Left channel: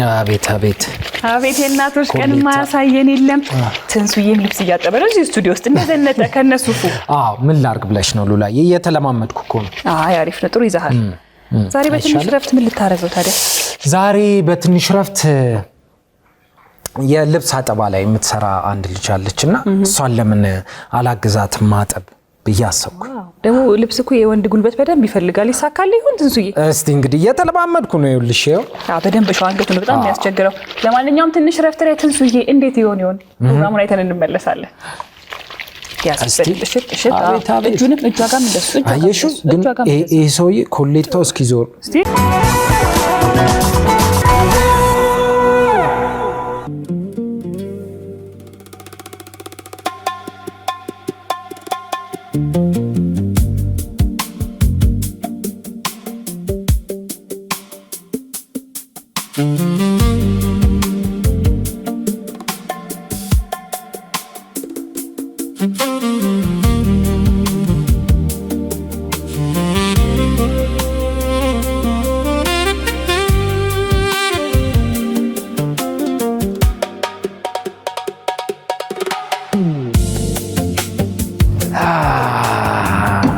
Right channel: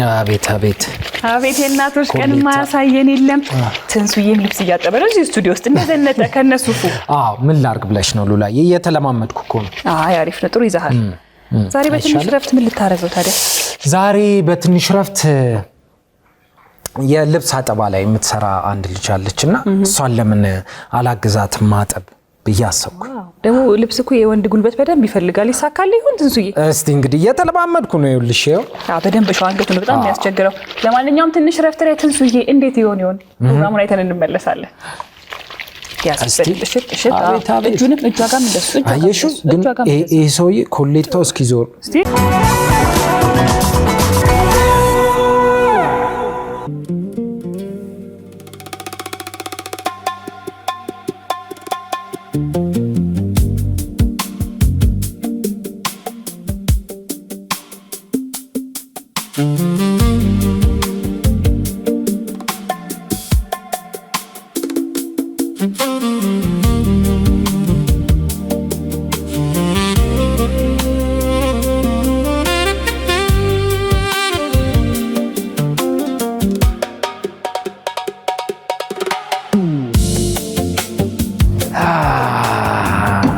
አቤት አቤት አቤት እናቶች ቀን ማያሳየን የለም ትንሱዬም ልብስ እያጠበ ነው እዚህ ስቱዲዮ ውስጥ እንደዘነጠ ከነሱፉ ምን ላርግ ብለሽ ነው ሉላ እየተለማመድኩ እኮ ነው አሪፍ ነው ጥሩ ይዛሃል ዛሬ በትንሽ ረፍት ምን ልታረገው ታዲያ ዛሬ በትንሽ ረፍት የልብስ አጠባ ላይ የምትሰራ አንድ ልጅ አለችና እሷን ለምን አላግዛት ማጠብ በያሰብኩ ደሞ ልብስ እኮ የወንድ ጉልበት በደንብ ይፈልጋል ይሳካል ይሁን ትንሱዬ እስቲ እንግዲህ እየተለማመድኩ ነው ይልሽ በደንብ ሸው አንገቱ ነው በጣም የሚያስቸግረው ለማንኛውም ትንሽ ረፍት ላይ ትንሱዬ እንዴት ይሆን ፕሮግራሙን አይተን እንመለሳለን እጁንም እጇጋም እንደሱ አየሹ ግን ይሄ ሰውዬ ኮሌታው እስኪዞር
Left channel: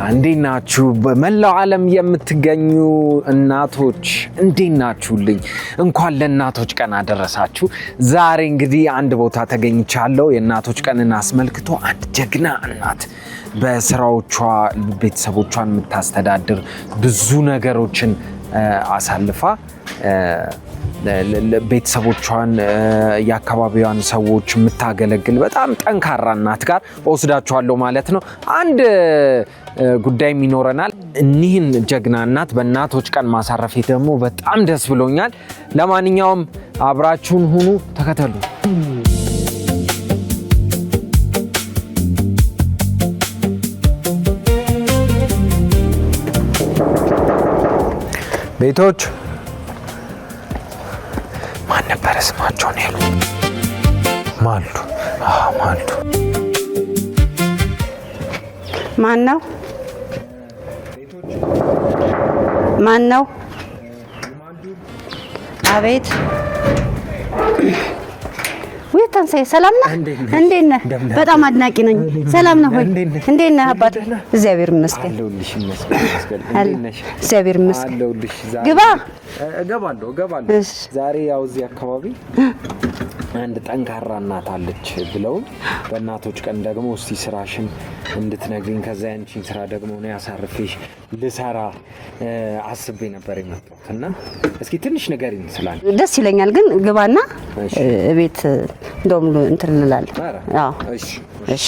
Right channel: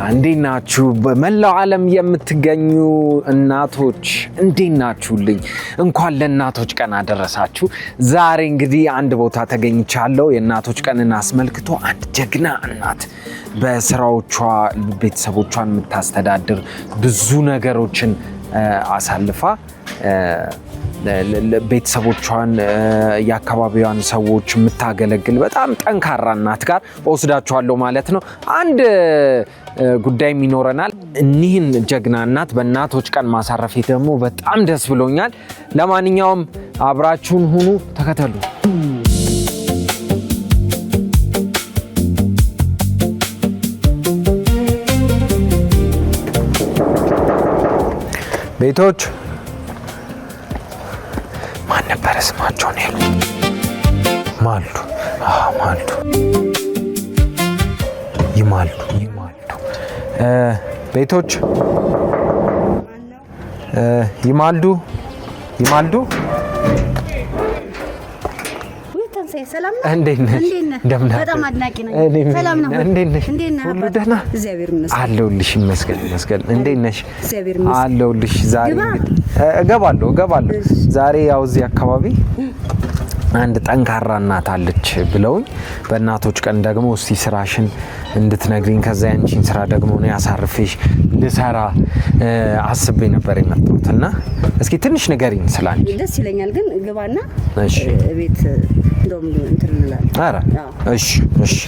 እንዴናችሁ በመላው ዓለም የምትገኙ እናቶች እንዴናችሁልኝ እንኳን ለእናቶች ቀን አደረሳችሁ ዛሬ እንግዲህ አንድ ቦታ ተገኝቻለሁ የእናቶች ቀንን አስመልክቶ አንድ ጀግና እናት በስራዎቿ ቤተሰቦቿን የምታስተዳድር ብዙ ነገሮችን አሳልፋ ቤተሰቦቿን ያካባቢዋን ሰዎች የምታገለግል በጣም ጠንካራ እናት ጋር ወስዳችኋለሁ ማለት ነው አንድ ጉዳይም ይኖረናል እኒህን ጀግና እናት በእናቶች ቀን ማሳረፌ ደግሞ በጣም ደስ ብሎኛል ለማንኛውም አብራችሁን ሁኑ ተከተሉ ቤቶች ማን ነበር ስማቸው ነው ማልዱ ማልዱ ይማል ማን ነው ቤቶች ማን ነው ይማልዱ አቤት ወይታንሰይ ሰላም ነህ እንዴት ነህ በጣም አድናቂ ነኝ ሰላም ነው እንዴት ነህ አባት እግዚአብሔር ይመስገን አለሁልሽ ይመስገን እንዴት ነሽ እግዚአብሔር ይመስገን አለሁልሽ ዛሬ እገባለሁ ዛሬ ያው እዚህ አካባቢ አንድ ጠንካራ እናት አለች ብለውኝ በእናቶች ቀን ደግሞ እስቲ ስራሽን እንድትነግሪኝ ከዛ ያንቺን ስራ ደግሞ ነው ያሳርፈሽ ልሰራ አስቤ ነበር የመጣሁትና እስኪ ትንሽ ንገሪኝ ስላል ደስ ይለኛል ግን ግባና ቤት እንደውም እንትን እንላለን አዎ እሺ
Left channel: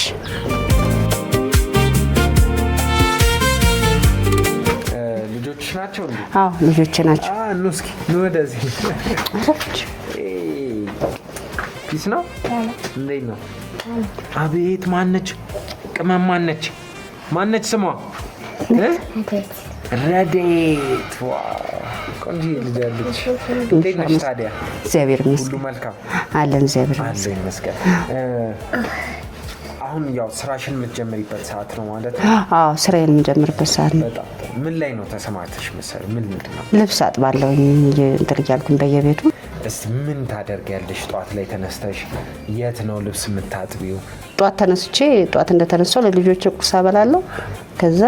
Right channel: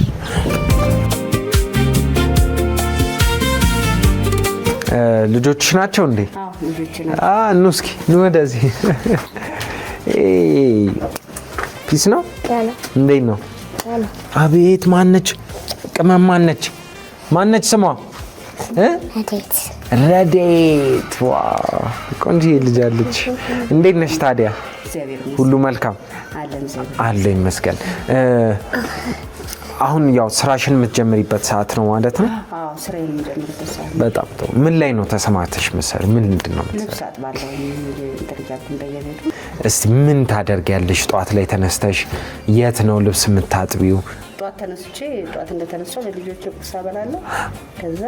ልጆች ናቸው እንዴ አዎ ልጆች ናቸው ኑ እስኪ ኑ ወደዚህ ፒስ ነው እንዴት ነው አቤት ማነች ቅመም ማነች ስሟ ረዴት ዋው ቆንጆ ልጅ አለች እንዴት ነሽ ታዲያ እግዚአብሔር ይመስገን ሁሉ መልካም አለን እግዚአብሔር አለን መስቀል አሁን ያው ስራሽን የምትጀምሪበት ሰዓት ነው ማለት ነው አዎ ስራዬን የምጀምርበት ሰዓት ነው በጣም ጥሩ ምን ላይ ነው ተሰማርተሽ መሰል ምንድነው ልብስ አጥባለሁ እንድርያልኩ በየቤቱ እስቲ ምን ታደርጊያለሽ ጧት ላይ ተነስተሽ የት ነው ልብስ የምታጥቢው ጧት ተነስቼ ጧት እንደተነሳው ለልጆቼ ቁርስ አበላለሁ ከዛ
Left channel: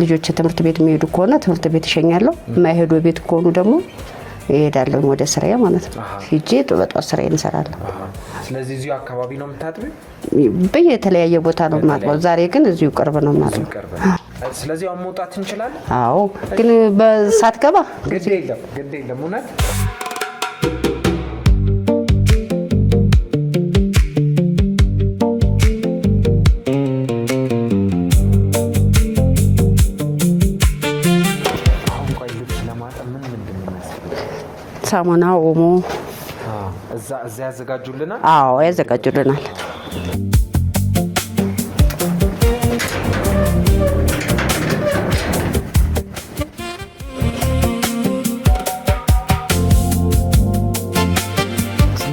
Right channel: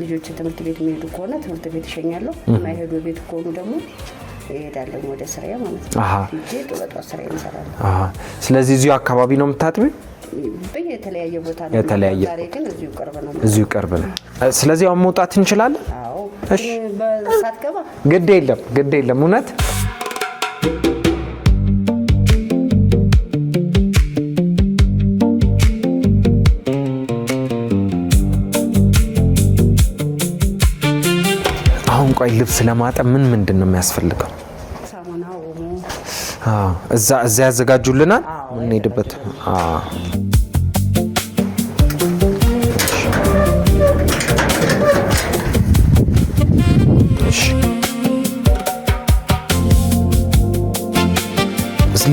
ልጆቼ ትምህርት ቤት የሚሄዱ ከሆነ ትምህርት ቤት ይሸኛለሁ የማይሄዱ ቤት ከሆኑ ደግሞ እሄዳለሁ ወደ ስራዬ ማለት ነው ሂጄ በጧት ስራዬን እሰራለሁ ስለዚህ እዚሁ አካባቢ ነው የምታጥቢው በየተለያየ ቦታ ነው ማለት ዛሬ ግን እዚሁ ቅርብ ነው ማለት እዚሁ ቅርብ ነው ስለዚህ አሁን መውጣት እንችላለን አዎ ግን በሰዓት ገባ ግድ የለም እውነት አሁን ቆይ ልብስ ለማጠብ ምንድነው የሚያስፈልገው ሳሙና ኦሞ እዛ ያዘጋጁልናል አዎ ያዘጋጁልናል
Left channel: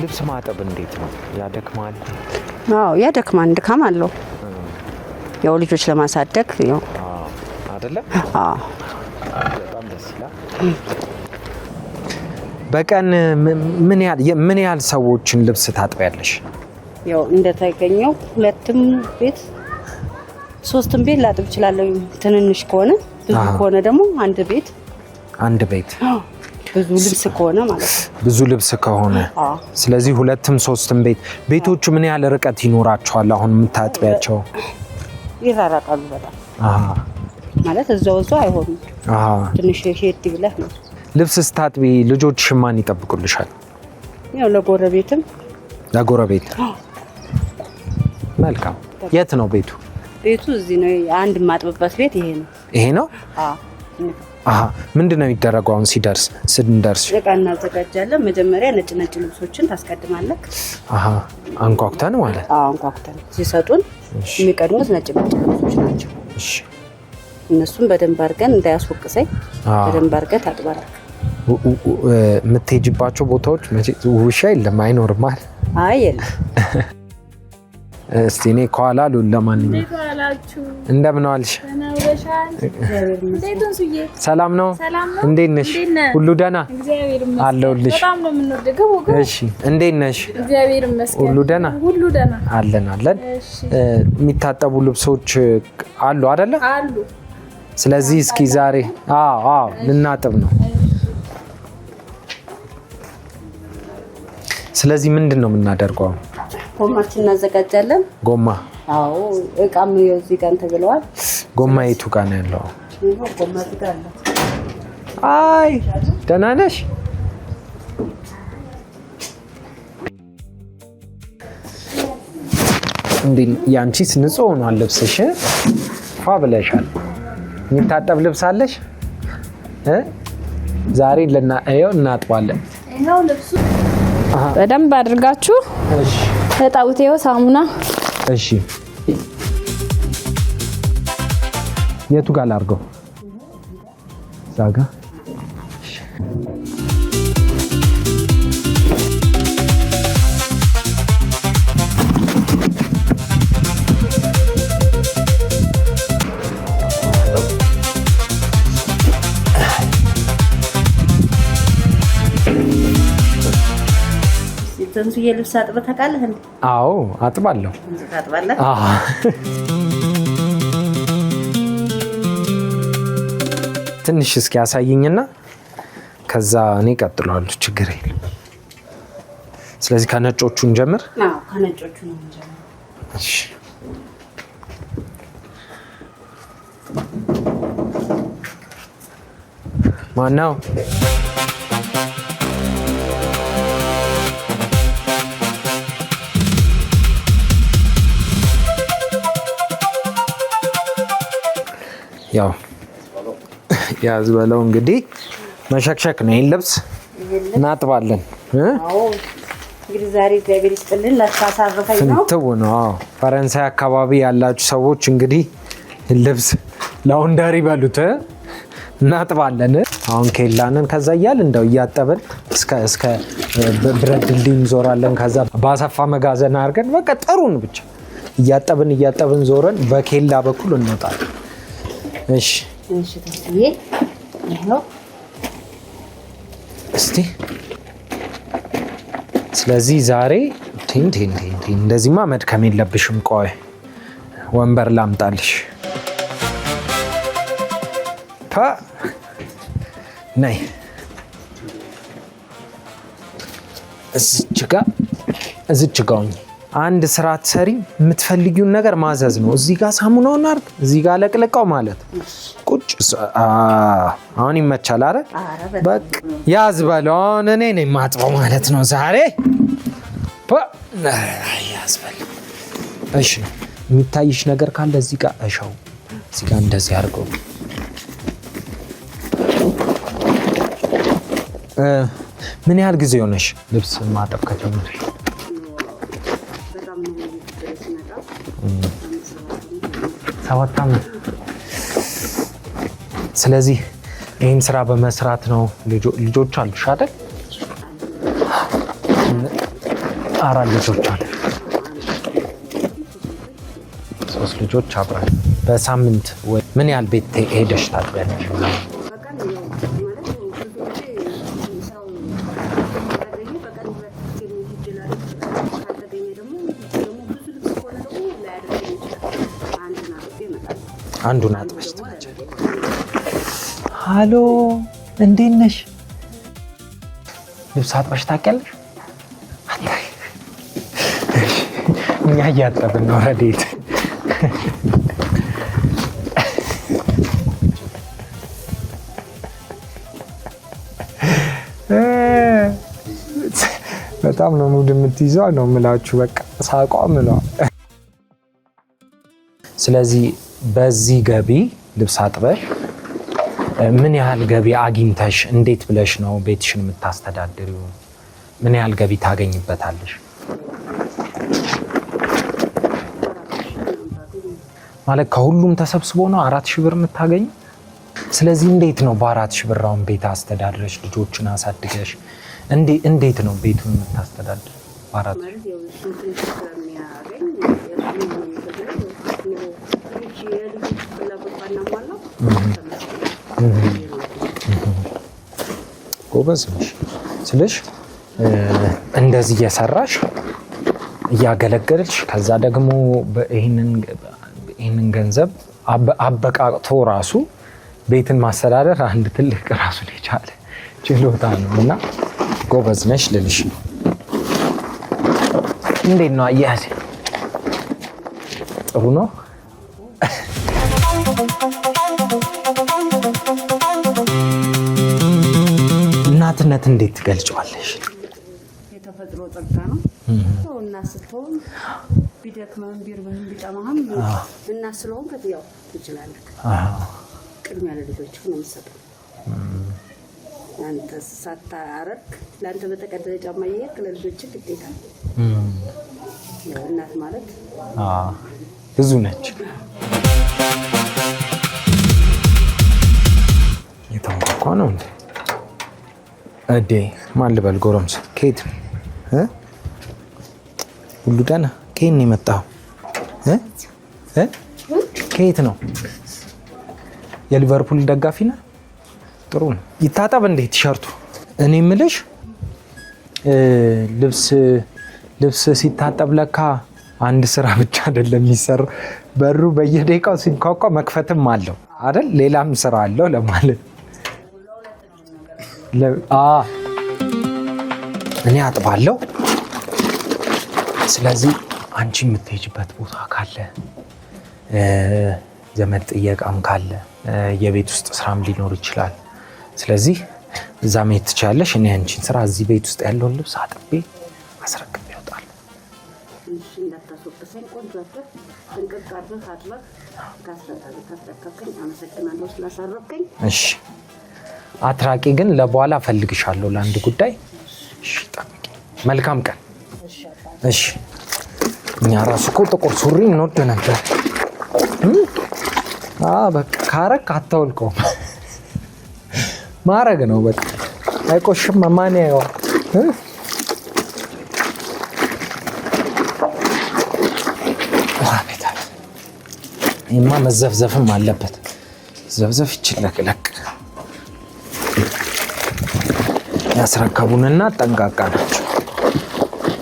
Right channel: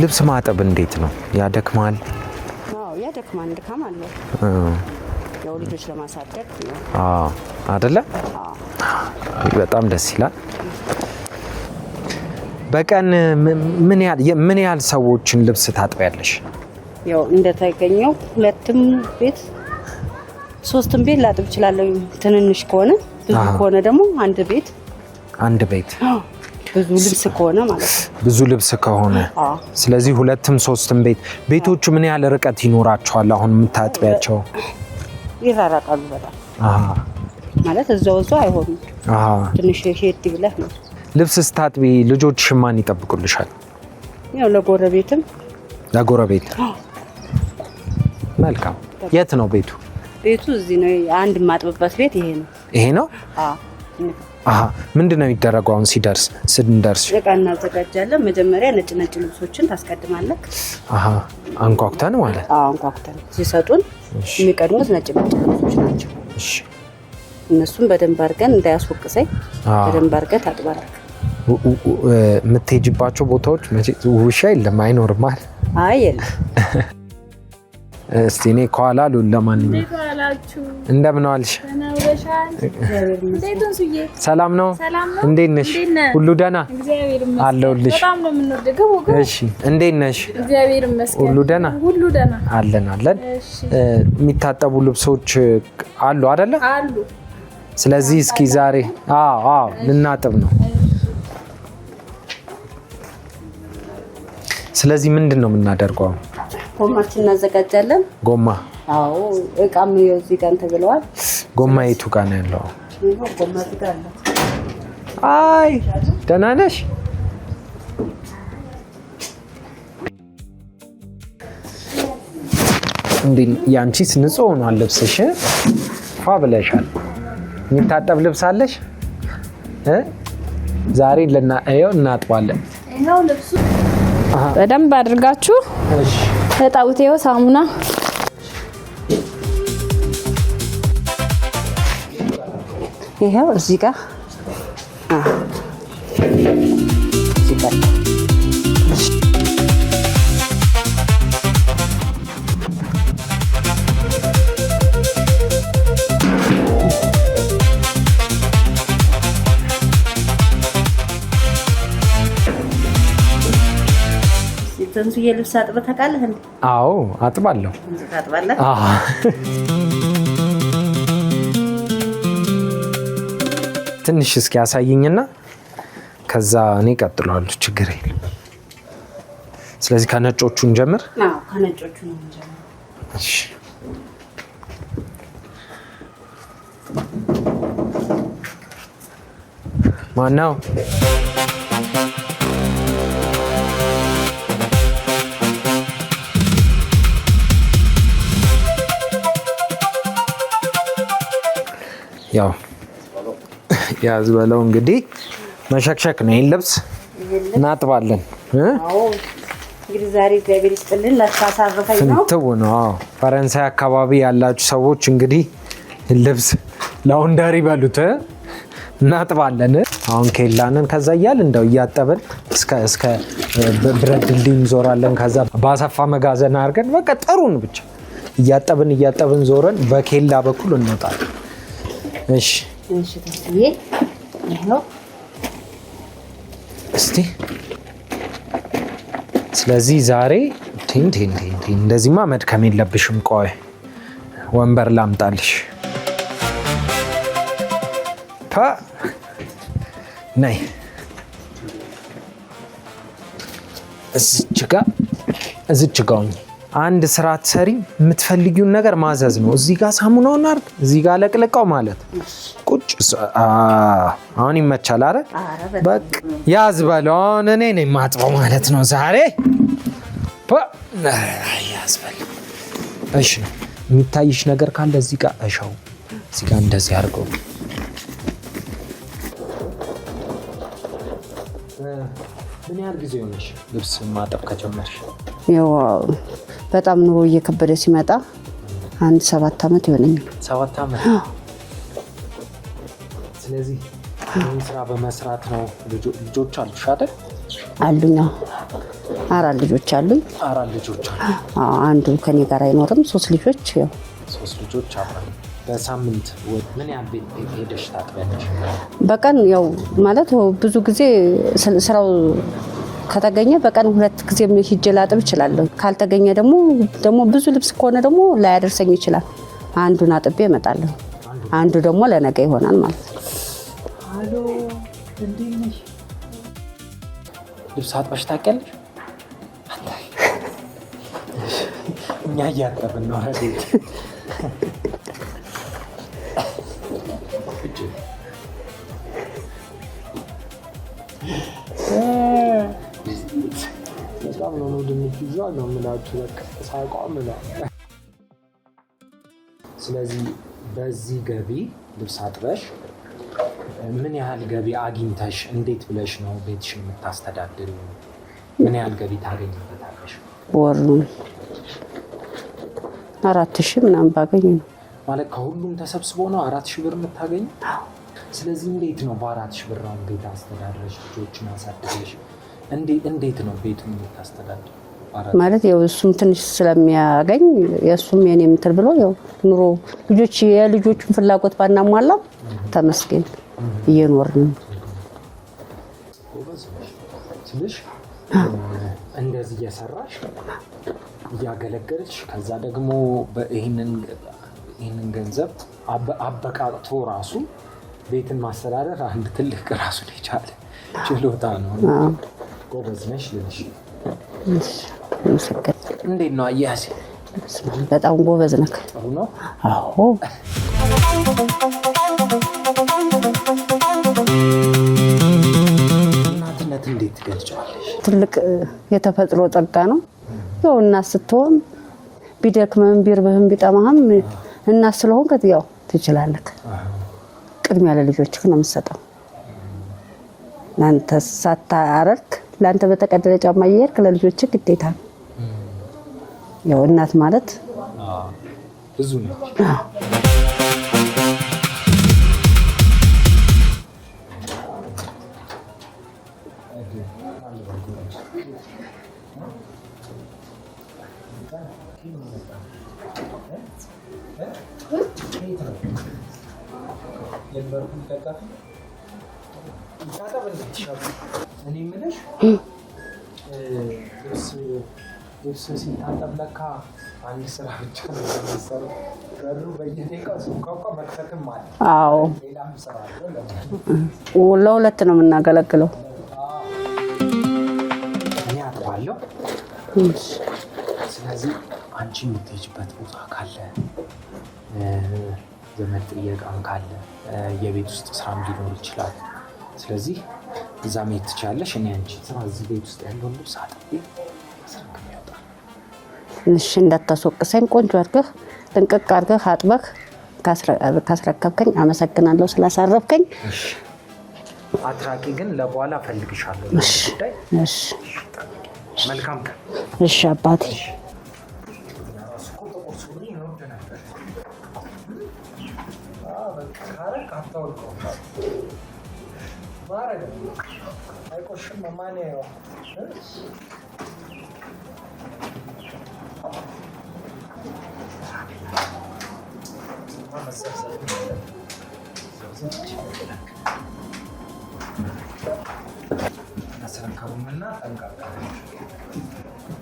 ልብስ ማጠብ እንዴት ነው ያደክማል አዎ ያደክማል ድካም አለው ያው ልጆች ለማሳደግ ያው አይደለ አዎ በጣም ደስ ይላል በቀን ምን ያህል ሰዎችን ልብስ ታጥቢያለሽ? ያው እንደተገኘው 2ም ቤት 3ም ቤት ላጥብ እችላለሁ። ትንንሽ ከሆነ ብዙ ከሆነ ደግሞ አንድ ቤት ብዙ ልብስ ከሆነ ማለት ነው። ብዙ ልብስ ከሆነ ስለዚህ 2ም 3ም ቤቶቹ ምን ያህል ርቀት ይኖራቸዋል? አሁን የምታጥቢያቸው ይራራቃሉ በጣም ማለት እዛው አይሆንም። ትንሽ ሄድ ብለህ ነው። ልብስ ስታጥቢ ልጆች ማን ይጠብቁልሻል? ያው ለጎረቤት መልካም። የት ነው ቤቱ? ቤቱ እዚህ ነው። አንድ ማጥብበት ቤት ይሄ ነው። ምንድን ነው የሚደረገው? አሁን ስንደርስ እቃ እናዘጋጃለን። መጀመሪያ ነጭ ልብሶችን ታስቀድማለህ። አንኳኩተን ማለት አንኳኩተን ሲሰጡን የሚቀድሙት ነጭ ልብሶች ናቸው። እነሱን በደንብ አድርገን እንዳያስወቅሰኝ በደንብ አድርገን ታጥባለህ። የምትሄጂባቸው ቦታዎች ውሻ የለም አይኖርም ማለት? አይ የለም። እስቲ እኔ ከኋላ ሉል ለማንኛውም እንደምን ዋልሽ? ሰላም ነው? እንዴት ነሽ? ሁሉ ደህና አለሁልሽ። እሺ እንዴት ነሽ? ሁሉ ደህና አለን። የሚታጠቡ ልብሶች አሉ አይደለ? ስለዚህ እስኪ ዛሬ ልናጥብ ነው። ስለዚህ ምንድን ነው የምናደርገው? ጎማችን እናዘጋጃለን። ጎማ እቃም እዚህ ጋር ተብለዋል። ጎማ የቱ ጋር ነው ያለው? ጎማ እዚህ ጋር አለ። አይ ደህና ነሽ? እንዴ ያንቺስ ንጹህ ሆኗል ልብስሽ? ፋ ብለሻል። የሚታጠብ ልብስ አለሽ? ዛሬ እናጥባለን። ይሄው ልብሱ በደንብ አድርጋችሁ እጣውት። ይሄው ሳሙና። እሺ የቱ ጋር ላድርገው? ይሄው እዚህ ጋር ትንሽዬ ልብስ አጥበህ ታውቃለህ እንዴ? አዎ አጥባለሁ። ታጥባለህ? ትንሽ እስኪ ያሳየኝና ከዛ እኔ እቀጥላለሁ። ችግር የለም። ስለዚህ ከነጮቹ እንጀምር። ከነጮቹ ነው እንጀምር። እሺ ማነው? ያው ያዝ በለው እንግዲህ መሸክሸክ ነው። ይሄን ልብስ እናጥባለን። እንግዲህ ዛሬ እግዚአብሔር ይስጥልን ለታሳረፈኝ ነው። ፍንትው ነው። ፈረንሳይ አካባቢ ያላችሁ ሰዎች እንግዲህ ልብስ ላውንደሪ በሉት እናጥባለን። አሁን ኬላንን ከዛ እያል እንደው እያጠብን እስከ ብረት ድልድይ እንዞራለን። ከዛ ባሰፋ መጋዘን አድርገን በቃ ጥሩን ብቻ እያጠብን ዞረን በኬላ በኩል እንወጣለን። እሺ ተስዬ ይሄው እስቲ ስለዚህ ዛሬ እንደዚህማ መድከም የለብሽም። ቆይ ወንበር ላምጣልሽ። ነይ እዚች ጋ ሁኚ። አንድ ስራ ትሰሪ የምትፈልጊውን ነገር ማዘዝ ነው። እዚህ ጋር ሳሙናውን አርግ፣ እዚህ ጋር ለቅለቃው ማለት ቁጭ። አሁን ይመቻል። አረ በቃ ያዝ በለው። አሁን እኔ ነኝ የማጥበው ማለት ነው ዛሬ። ያዝ በለው። እሺ የሚታይሽ ነገር ካለ እዚህ ጋር እሻው፣ እዚህ ጋር እንደዚህ አድርገው። ምን ያህል ጊዜ ሆነሽ ልብስ ማጠብ ከጀመርሽ? ያው በጣም ኑሮ እየከበደ ሲመጣ አንድ 7 ዓመት ይሆናል። 7 ዓመት። ስለዚህ ይህን ስራ በመስራት ነው። ልጆች አሉሽ አይደል? አሉኝ። 4 ልጆች አሉኝ። 4 ልጆች አሉ። አንዱ ከኔ ጋር አይኖርም። 3 ልጆች ያው 3 ልጆች አብረን በሳምንት ምን ያህል ቤት ሄደሽ ታጥቢያለሽ? በቀን ያው ማለት ብዙ ጊዜ ስራው ከተገኘ በቀን 2 ጊዜ ሄጄ ላጥብ እችላለሁ። ካልተገኘ ደግሞ ብዙ ልብስ ከሆነ ደግሞ ላያደርሰኝ ይችላል። አንዱን አጥቤ እመጣለሁ። አንዱ ደግሞ ለነገ ይሆናል ማለት ነው። ሃሎ እንዴት ነሽ? ልብስ አጥበሽ ታውቂያለሽ? እኛ እያጠብን ነው። ረዴት በጣም ነው ሙድ የምትይዘው ነው የምላችሁ። በቃ ሳቋም ነው። ስለዚህ በዚህ ገቢ ልብስ አጥበሽ ምን ያህል ገቢ አግኝተሽ እንዴት ብለሽ ነው ቤትሽን የምታስተዳድሪው? ምን ያህል ገቢ ታገኝበታለሽ? ወር 4000 ምናምን ባገኝ ማለት ከሁሉም ተሰብስቦ ነው 4000 ብር የምታገኝ። ስለዚህ እንዴት ነው በ4000 ብር አሁን ቤት አስተዳድረሽ ልጆችን አሳድገሽ እንዴት ነው ቤቱን የምታስተዳድር? ማለት ያው እሱም ትንሽ ስለሚያገኝ የእሱም የኔ የምትል ብሎ ያው ኑሮ የልጆቹን ፍላጎት ባናሟላ ተመስገን እየኖርን ጎበዝ ነሽ ስልሽ እንደዚህ እየሰራሽ እያገለገልሽ ከዛ ደግሞ ይህንን ገንዘብ አበቃቅቶ ራሱ ቤትን ማስተዳደር አንድ ትልቅ ራሱን የቻለ ችሎታ ነው እና ጎበዝ ነሽ ልልሽ ነው። እንዴት ነው አያያሴ? በጣም ጎበዝ ነህ። ጥሩ ነው። አዎ እናትነት እንዴት ትገልጫለሽ? ትልቅ የተፈጥሮ ጸጋ ነው። ያው እናት ስትሆን ቢደክምህም ቢርብህም ቢጠማህም እናት ስለሆንክ ያው ትችላለህ። ቅድሚያ ለልጆችህ ነው የምትሰጠው። ለአንተ ሳታረክ ለአንተ በተቀደደ ጫማ እየሄድክ ለልጆችህ ግዴታ ነው። ያው እናት ማለት ብዙ ነች። የተንኳኳ ነው እዴ ማን ልበል? ጎረምሳ ከየት ሁሉ ደህና? ከየት ነው የመጣው? ከየት ነው? የሊቨርፑል ደጋፊ ነህ? ጥሩ ነው። ይታጠብ እንዴ ቲሸርቱ? እኔ የምልሽ ልብስ ሲታጠብ ለካ አንድ ስራ ብቻ አይደለም የሚሰራ። በሩ በየደቂቃው ሲንኳኳ መክፈትም አለው አይደል? ሌላም ስራ አለው ለማለት። ለሁለት ነው የምናገለግለው። እኔ አጥባለሁ። ስለዚህ አንቺ የምትሄጂበት ቦታ ካለ ዘመድ ጥየቃም ካለ የቤት ውስጥ ስራም ሊኖር ይችላል። ስለዚህ እዛ መሄድ ትችላለሽ። እኔ አንቺን ስራ እዚህ ቤት ውስጥ ያለውን ልብስ አጥቤ አስረክቤ እወጣለሁ። እሺ እንዳታስወቅሰኝ፣ ቆንጆ አድርገህ ጥንቅቅ አድርገህ አጥበህ ካስረከብከኝ አመሰግናለሁ ስላሳረፍከኝ። እሺ አትራቂ፣ ግን ለበኋላ እፈልግሻለሁ ለአንድ ጉዳይ። እሺ መልካም ቀን። እሺ አባቴ። እሺ እኛ ራሱ እኮ ጥቁር ሱሪ እንወድ ነበር። በቃ ካረክ አታውልቀውም ማረግ ነው በቃ። አይቆሽም። ማን ያየዋል? ይህማ መዘፍዘፍም አለበት። ዘፍዘፍ ይችለቅለቅ። ያስረከቡንና ጠንቃቃ ናቸው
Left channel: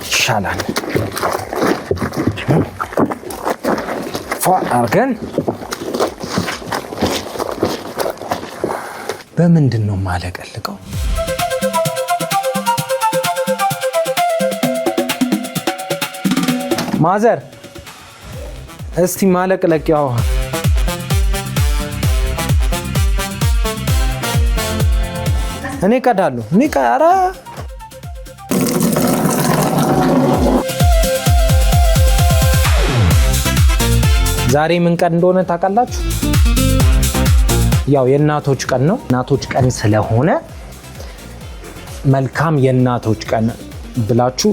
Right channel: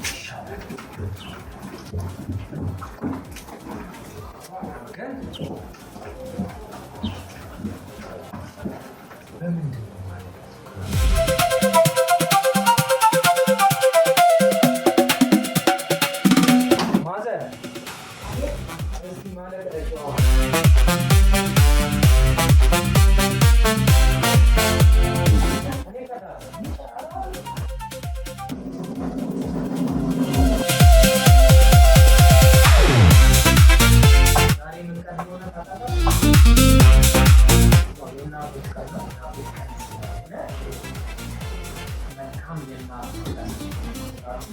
ይሻላል። ፏ አርገን በምንድን ነው ማለቀልቀው? ማዘር እስቲ ማለቅለቂያው እኔ ቀዳለሁ። ኧረ ዛሬ ምን ቀን እንደሆነ ታውቃላችሁ? ያው የእናቶች ቀን ነው። እናቶች ቀን ስለሆነ መልካም የእናቶች ቀን ብላችሁ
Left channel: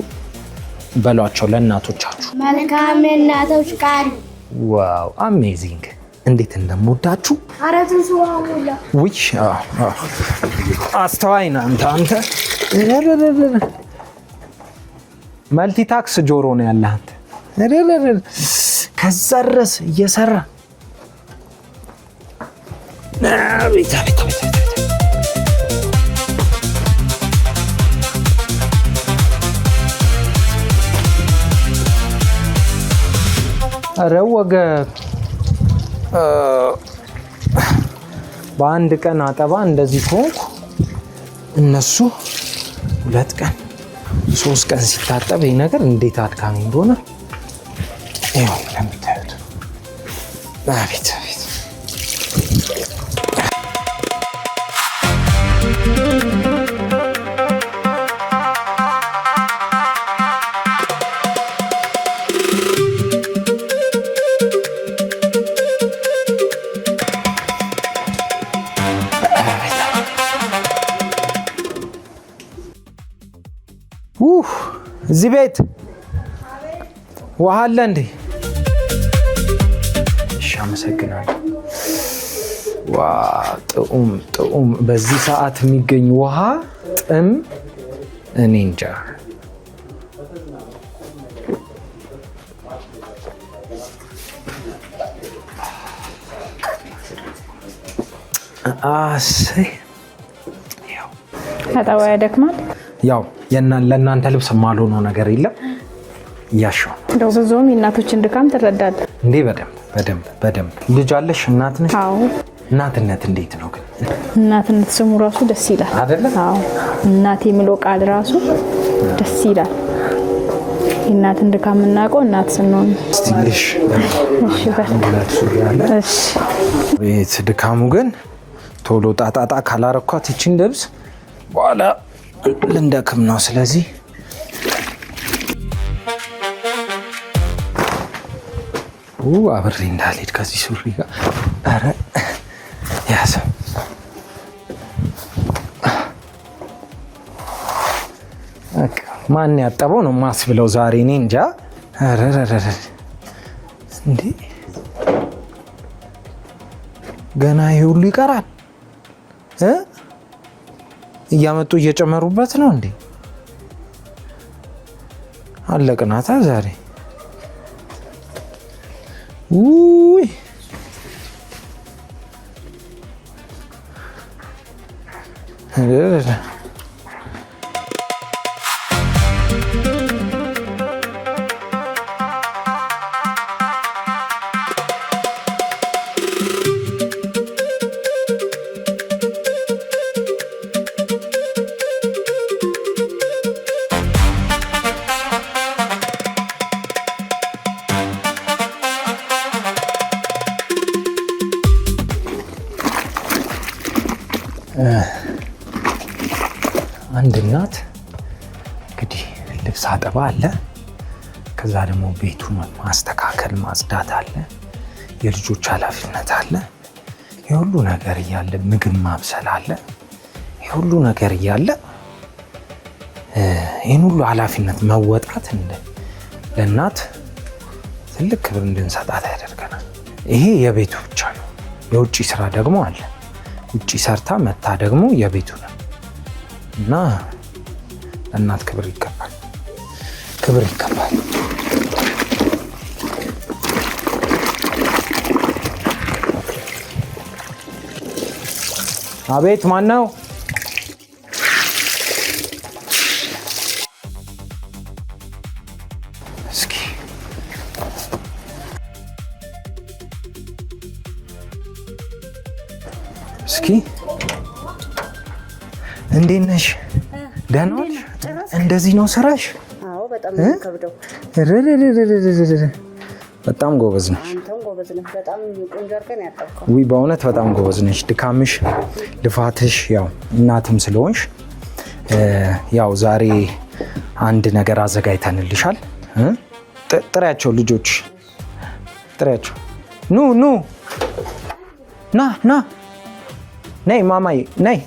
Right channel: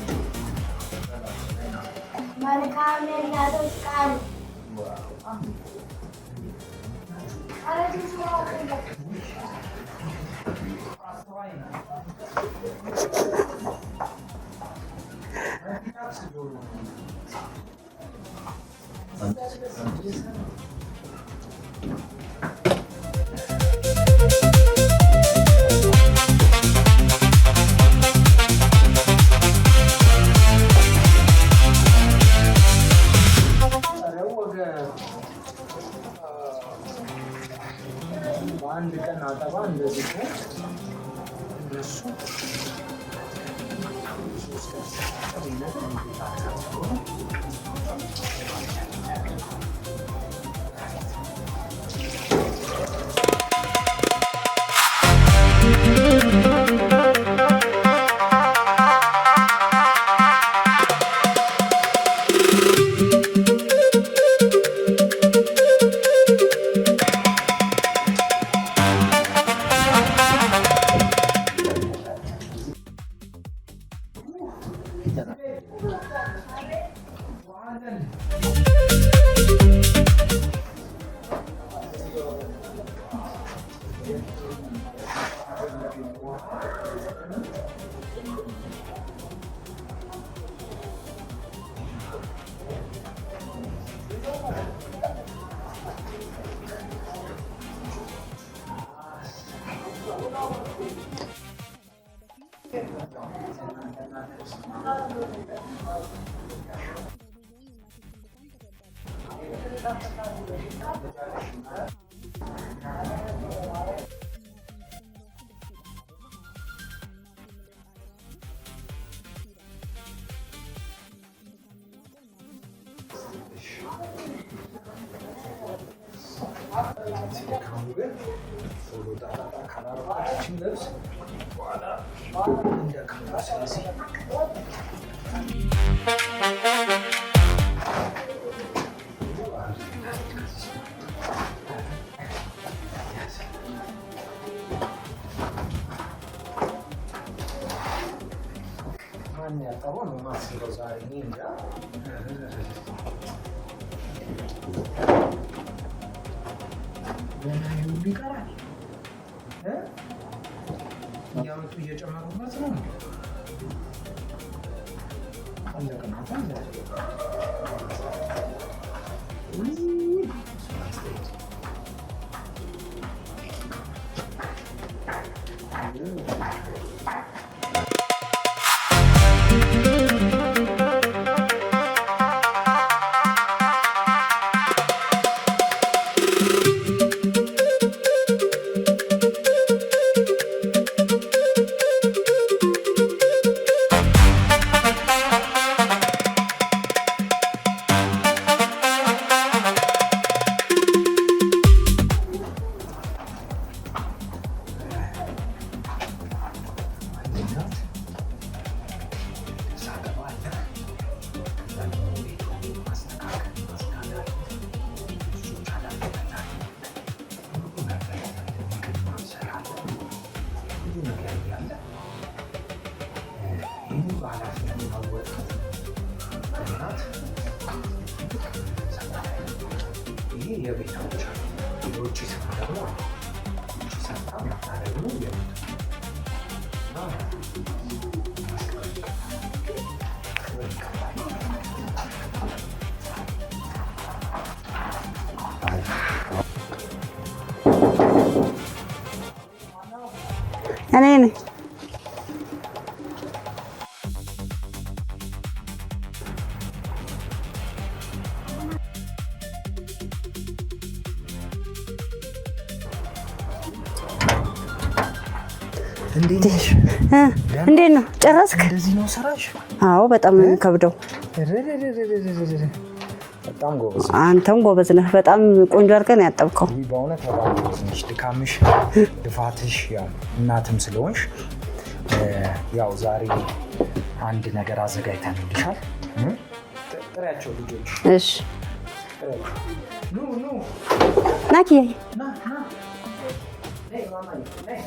በሏቸው ለእናቶቻችሁ። መልካም የእናቶች ቀን። ዋው አሜዚንግ! እንዴት እንደምወዳችሁ። አረቱን ሰዋውላ ውይ አስተዋይ ነህ አንተ። መልቲታክስ ጆሮ ነው ያለህ አንተ። ከዛ ድረስ እየሰራ ኧረ ወገብ በአንድ ቀን አጠባ እንደዚህ ሆንኩ። እነሱ 2 ቀን 3 ቀን ሲታጠብ ይህ ነገር እንዴት አድካሚ እንደሆነ ይኸው እንደምታዩት። አቤት አቤት። እዚህ ቤት ውሃ አለ እንዴ? እሺ አመሰግናለሁ። ዋ ጥዑም በዚህ ሰዓት የሚገኝ ውሃ ጥም እኔ እንጃ። አጣዋ ያደክማል። ያው ለእናንተ ልብስ የማልሆነው ነገር የለም። እያሸው እንደው ብዙም የእናቶችን ድካም ትረዳለህ እንዴ? በደንብ ልጅ አለሽ? እናት ነሽ? አዎ። እናትነት እንዴት ነው ግን? እናትነት ስሙ ራሱ ደስ ይላል አይደለ? አዎ። እናት የሚለው ቃል ራሱ ደስ ይላል። የእናትን ድካም የምናውቀው እናት ስንሆን። ስቲልሽ እሺ። ቤት ድካሙ ግን ቶሎ ጣጣጣ ካላረኳት ይችን ልብስ በኋላ ልንደክም ነው። ስለዚህ አብሬ እንዳልሄድ ከዚህ ሱሪ ጋር ኧረ ያዘ። ማን ያጠበው ነው ማስብለው ዛሬ እኔ እንጃ። እንዴ ገና ይሄ ሁሉ ይቀራል። እያመጡ እየጨመሩበት ነው እንዴ? አለቅናታ ዛሬ። ውይ አንድ እናት እንግዲህ ልብስ አጠባ አለ፣ ከዛ ደግሞ ቤቱን ማስተካከል ማጽዳት አለ፣ የልጆች ኃላፊነት አለ። የሁሉ ነገር እያለ ምግብ ማብሰል አለ። የሁሉ ነገር እያለ ይህን ሁሉ ኃላፊነት መወጣት ለእናት ትልቅ ክብር እንድንሰጣት ያደርገናል። ይሄ የቤቱ ብቻ ነው። የውጭ ስራ ደግሞ አለ። ውጭ ሰርታ መታ ደግሞ የቤቱ ነው እና ለእናት ክብር ይገባል፣ ክብር ይገባል። አቤት፣ ማን ነው? እኔ ነኝ። እስኪ እንዴት ነሽ? እንዴት ነው? ጨረስክ? እንደዚህ ነው ስራሽ? አዎ፣ በጣም ነው የሚከብደው። በጣም ጎበዝ ነሽ። አንተም ጎበዝ ነህ። በጣም ቆንጆ አድርገህ ነው ያጠብከው። ውይ፣ በእውነት በጣም ጎበዝ ነሽ። ድካምሽ፣ ልፋትሽ፣ ያው እናትም ስለሆንሽ ያው ዛሬ አንድ ነገር አዘጋጅተንልሻል። ጥሪያቸው ልጆች። እሺ፣ ጥሪያቸው። ኑ ና ኪያ፣ ና ነይ ማማዬ ነይ።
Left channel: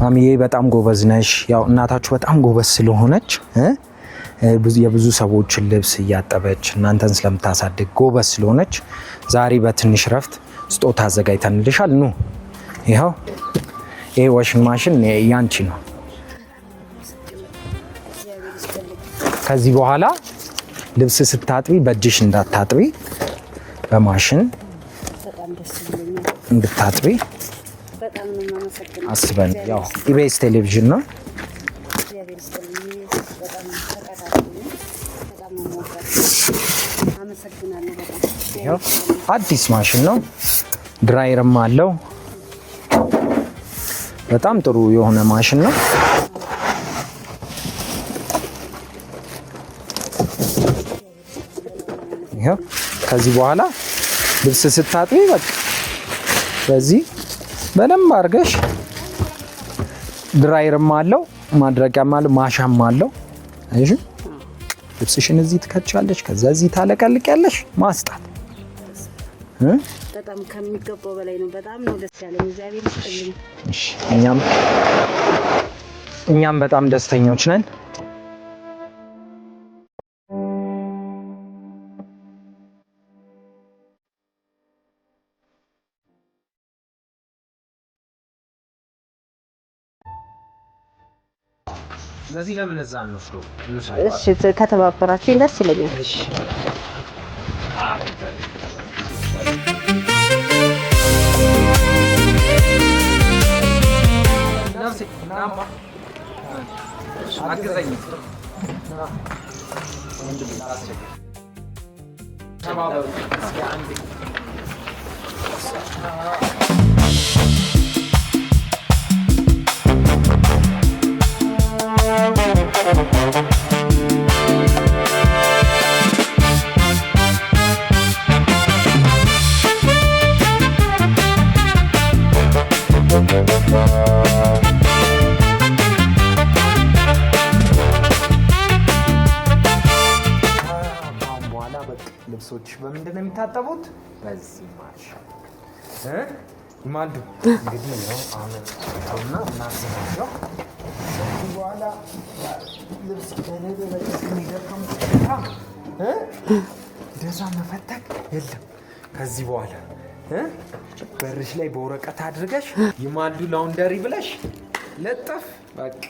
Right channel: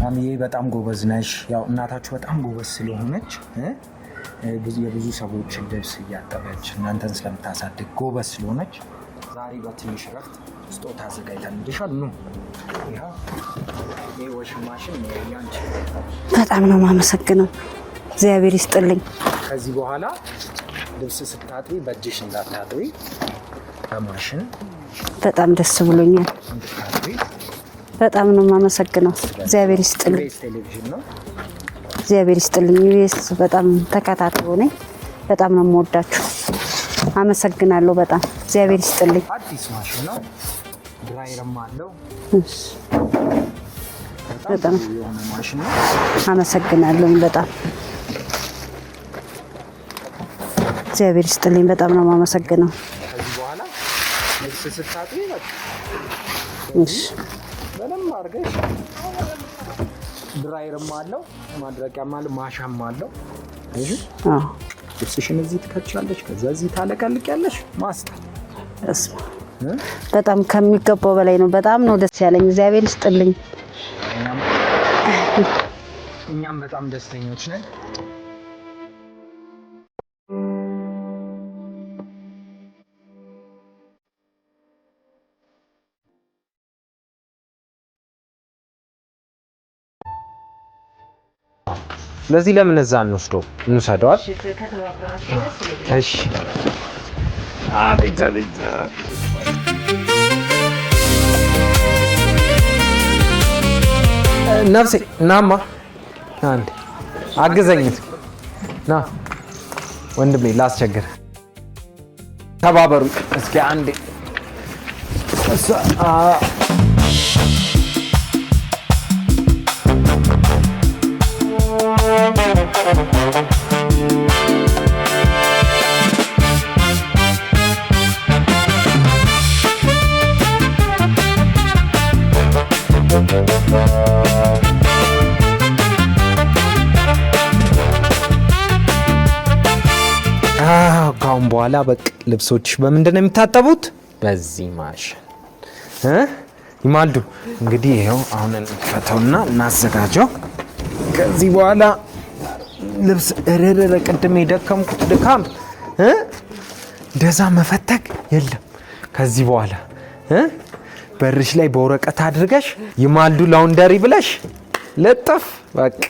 ማሚዬ በጣም ጎበዝ ነሽ። ያው እናታችሁ በጣም ጎበዝ ስለሆነች የብዙ ሰዎችን ልብስ እያጠበች እናንተን ስለምታሳድግ ጎበዝ ስለሆነች ዛሬ በትንሽ ረፍት ስጦታ አዘጋጅተንልሻል። ኑ ይኸው፣ ይሄ ዋሽንግ ማሽን ያንቺ ነው። በጣም ነው የማመሰግነው። እግዚአብሔር ይስጥልኝ። ከዚህ በኋላ ልብስ ስታጥቢ በእጅሽ እንዳታጥቢ በማሽን በጣም ደስ ብሎኛል እንድታጥቢ በጣም ነው የማመሰግነው። እግዚአብሔር ይስጥልኝ። ኢቢኤስ ቴሌቪዥን ነው። እግዚአብሔር ይስጥልኝ። ኢቢኤስ በጣም ተከታታዩ ነኝ። በጣም ነው የምወዳችሁ። አመሰግናለሁ በጣም እግዚአብሔር ይስጥልኝ። አዲስ ማሽን ነው። ድራየርም አለው። በጣም ጥሩ የሆነ ማሽን ነው። አመሰግናለሁ በጣም እግዚአብሔር ይስጥልኝ። በጣም ነው የማመሰግነው። ከዚህ በኋላ ልብስ ስታጥቢ በቃ በዚህ በደንብ አድርገሽ ድራየርም አለው ማድረቂያም አለው ማሻም አለው። እሺ ልብስሽን እዚህ ትከቻለሽ፣ ከዛ እዚህ ታለቀልቂያለሽ። ማስጣት በጣም ከሚገባው በላይ ነው። በጣም ነው ደስ ያለኝ። እግዚአብሔር ይስጥልኝ። እሺ እኛም በጣም ደስተኞች ነን። ለዚህ ለምን እዛ እንወስደው እንሰደዋል? እሺ ከተባበራችሁ ደስ ይለኛል። እሺ ነፍሴ ናማ አንዴ አግዘኝ ና ወንድሜ ላስቸግር። ተባበሩ እስኪ አንዴ ካሁን በኋላ በቃ ልብሶች በምንድን ነው የሚታጠቡት? በዚህ ማሽን ይማልዱ። እንግዲህ ይኸው አሁን እንፈተውና እናዘጋጀው። ከዚህ በኋላ ልብስ እረረ ቅድም የደከምኩት ድካም እንደዛ መፈተግ የለም። ከዚህ በኋላ በርሽ ላይ በወረቀት አድርገሽ ይማልዱ ላውንደሪ ብለሽ ለጥፍ በቃ።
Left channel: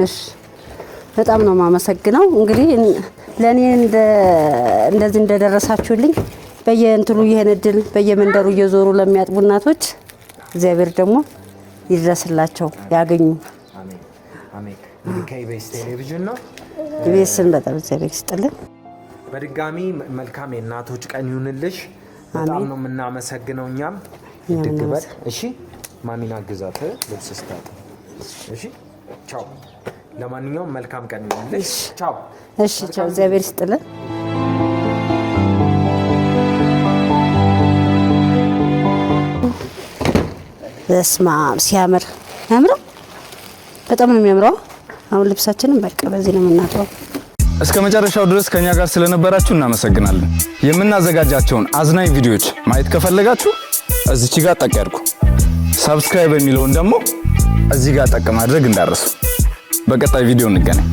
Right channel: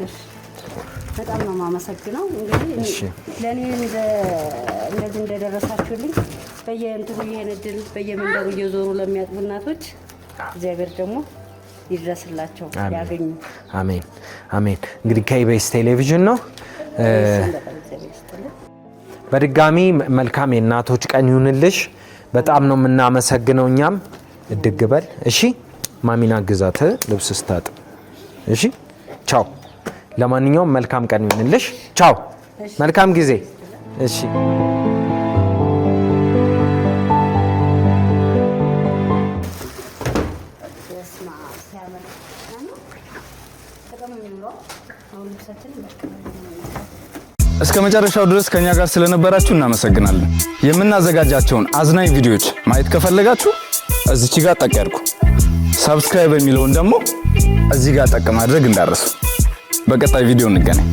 እሺ በጣም ነው የማመሰግነው። እንግዲህ ለኔ እንደዚህ እንደደረሳችሁልኝ በየእንትኑ ይሄን እድል በየመንደሩ እየዞሩ ለሚያጥቡ እናቶች እግዚአብሔር ደግሞ ይድረስላቸው ያገኙ። አሜን አሜን። እንግዲህ ከኢቢኤስ ቴሌቪዥን ነው። ኢቢኤስን በጣም እግዚአብሔር ይስጥልን። በድጋሚ መልካም የእናቶች ቀን ይሁንልሽ። በጣም ነው የምናመሰግነው። እኛም እድግበል። እሺ ማሚና ግዛት ልብስ ስታጥብ። እሺ ቻው። ለማንኛውም መልካም ቀን ይሁንልሽ። ቻው። መልካም ጊዜ። እሺ በስማ ሲያምር ያምረው። በጣም ነው የሚያምረው። አሁን ልብሳችንን በቃ በዚህ ነው የምናጥበው። እስከ መጨረሻው ድረስ ከኛ ጋር ስለነበራችሁ እናመሰግናለን። የምናዘጋጃቸውን አዝናኝ ቪዲዮዎች ማየት ከፈለጋችሁ እዚች ጋር ጠቅ ያድርጉ። ሰብስክራይብ የሚለውን ደግሞ እዚህ ጋር ጠቅ ማድረግ እንዳረሱ። በቀጣይ ቪዲዮ እንገናኝ።